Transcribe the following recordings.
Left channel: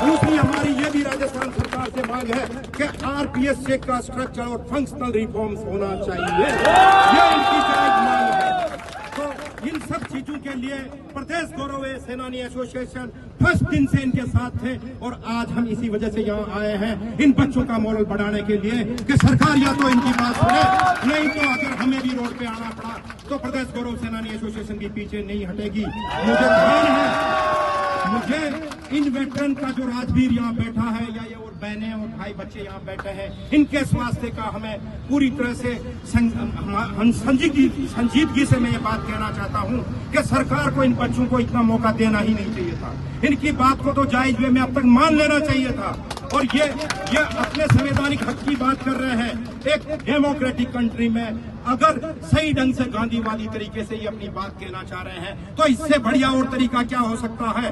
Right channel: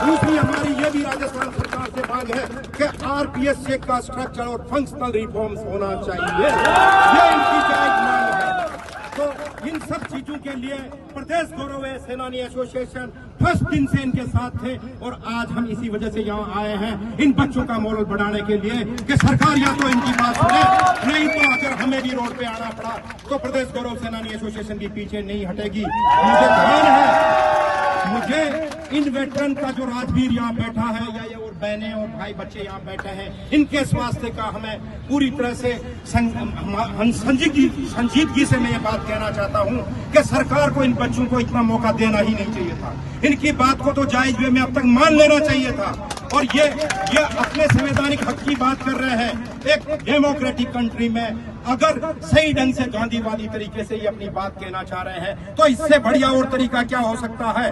दूसरी हमारी ये भी राजस्थान सरकार से मांग है कि आरपीएस चेक का स्ट्रक्चर और फंक्शनल रिफॉर्म्स होना चाहिए। ये इनकी जायज मांग है। तो इन सब चीजों के लिए प्रदेश गौरव सेनानी एसोसिएशन फर्स्ट दिन से इनके साथ थे और आज हम इसी वजह से यहाँ आए हैं इन बच्चों का मोरल बढ़ाने के लिए कि सरकार या तो इनकी बात सुने, नहीं तो अगर हमें भी रोड पे आना पड़ा तो प्रदेश गौरव सेनानी एसोसिएशन के पीछे नहीं हटेगी। मुझे ध्यान है, मुझे इन वेटरन का जो राजवीर यहाँ बैठा है या ये और बहनें और भाई बच्चे यहाँ बैठे हैं, इनके स्वास्थ्य का हमें पूरी तरह से संजीदगी से मैं ये बात कहना चाहता हूँ कि सरकार को इन बच्चों को इतना मौका देना ही नहीं चाहिए था। इनकी बात को तो जायज वे में अब तक मान लेना चाहिए था। और ये अपने संवैधानिक हक की बात कर रहे हैं। एक डेमोक्रेटिक कंट्री में अगर सही ढंग से गांधीवादी तरीके से ये अपनी बात कहना चाह रहे हैं तो इससे बढ़िया और तरीका क्या हो सकता है।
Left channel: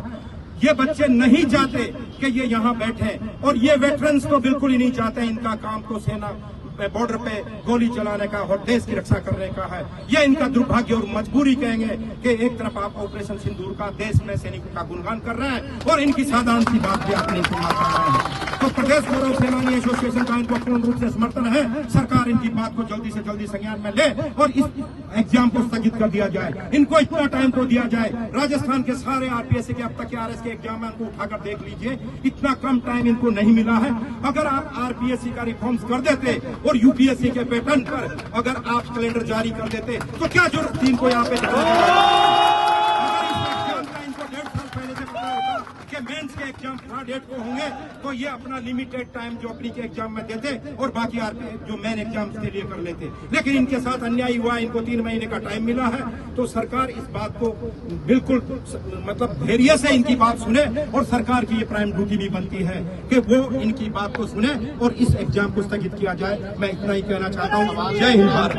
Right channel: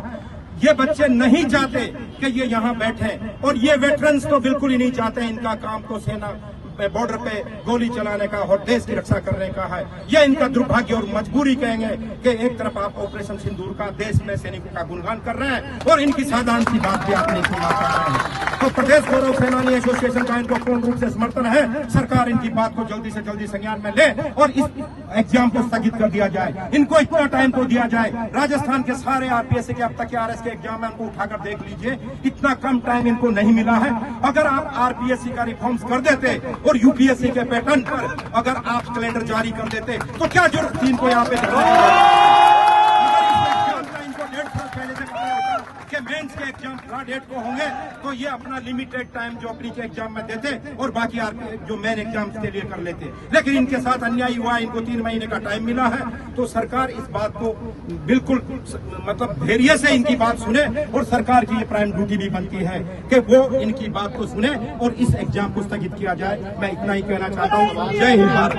ये बच्चे नहीं चाहते कि ये यहाँ बैठे और ये वेटरन्स तो बिल्कुल ही नहीं चाहते। इनका काम तो सेना बॉर्डर पे गोली चलाने का और देश की रक्षा करने का है। यह इनका दुर्भाग्य और मजबूरी कहेंगे कि एक तरफ आप ऑपरेशन सिंदूर का देश में सैनिकों का गुणगान कर रहे हैं और इनकी साधारण सी बात भी आप नहीं सुना रहे हैं। तो प्रदेश गौरव सेनानी एसोसिएशन का इनको पूर्ण रूप से समर्थन है। सरकार इनकी बात को जल्दी से जल्दी संज्ञान में ले और इस एग्जाम को स्थगित कर दिया जाए। इनको इतना टाइम तो दिया जाए। राजस्थान के सारे आरपीएस के अब तक के आरएस के एग्जाम है, उनको उठाकर देख लीजिए, इतना कम टाइम इनको नहीं मिला है। अगर आप आरपीएससी का रिफॉर्म्स कर देते और यूपीएससी के पैटर्न पर अगर आप कैलेंडर जारी कर देते तो क्या जरूरत थी इनको यहाँ पे करने की। अगर इस एग्जाम का इनको 1.5 साल पहले से पता होता कि मेंस के एग्जाम 3 को होंगे तो ये अपना लिमिटेड टाइम जो प्री के एग्जाम में देते और बाकी जो मेन एग्जाम्स के लिए कर लेते। लेकिन इनके साथ अन्याय हुआ, इनको 3 महीने का टाइम मिला है। तो सरकार इस बात को बिल्कुल मतलब धैर्य से इनकी बात सुने और सरकार की ये प्राइम ड्यूटी भी बनती है कि वो इनकी बात को सुने और इस एग्जाम को स्थगित किया जाए। मैं इतना ही कहना चाहता हूँ। जय हिंद भारत।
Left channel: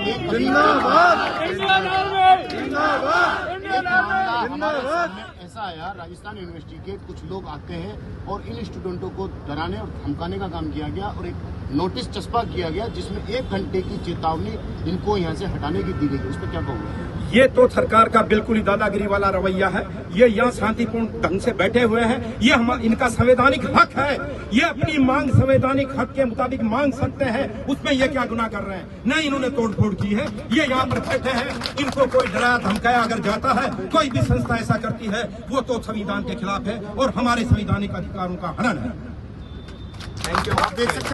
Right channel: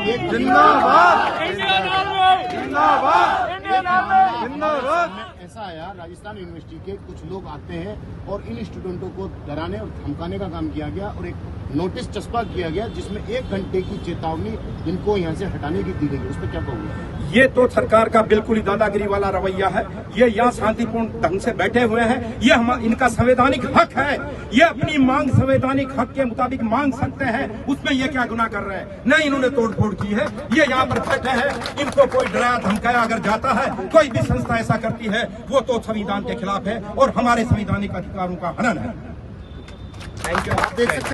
ऐसा आया, राजस्थान यूनिवर्सिटी के कुछ लोग आते हैं और इन स्टूडेंटों को डराने और धमकाने का काम किया गया और एक नोटिस चस्पा किया गया जिसमें 1 घंटे की चेतावनी इनको यहाँ से हटाने की दी गई। उस पर क्या कहोगे? ये तो सरकार का बिल्कुल ही दादागिरी वाला रवैया है। ये यहाँ शांतिपूर्ण ढंग से बैठे हुए हैं। ये इनका संवैधानिक हक है। ये अपनी मांग संवैधानिक हक के मुताबिक मांग सकते हैं। उसमें ये क्या गुनाह कर रहे हैं? नहीं, इन्होंने तोड़फोड़ की है। ये यहाँ पर बैठे हैं। इनको कोई डराया धमकाया अगर जाता है, कोई भी संस्था ऐसा करती है, वो तो संविधान के खिलाफ है और हमारे संवैधानिक अधिकारों का हनन है। Thank you. आप देख सकते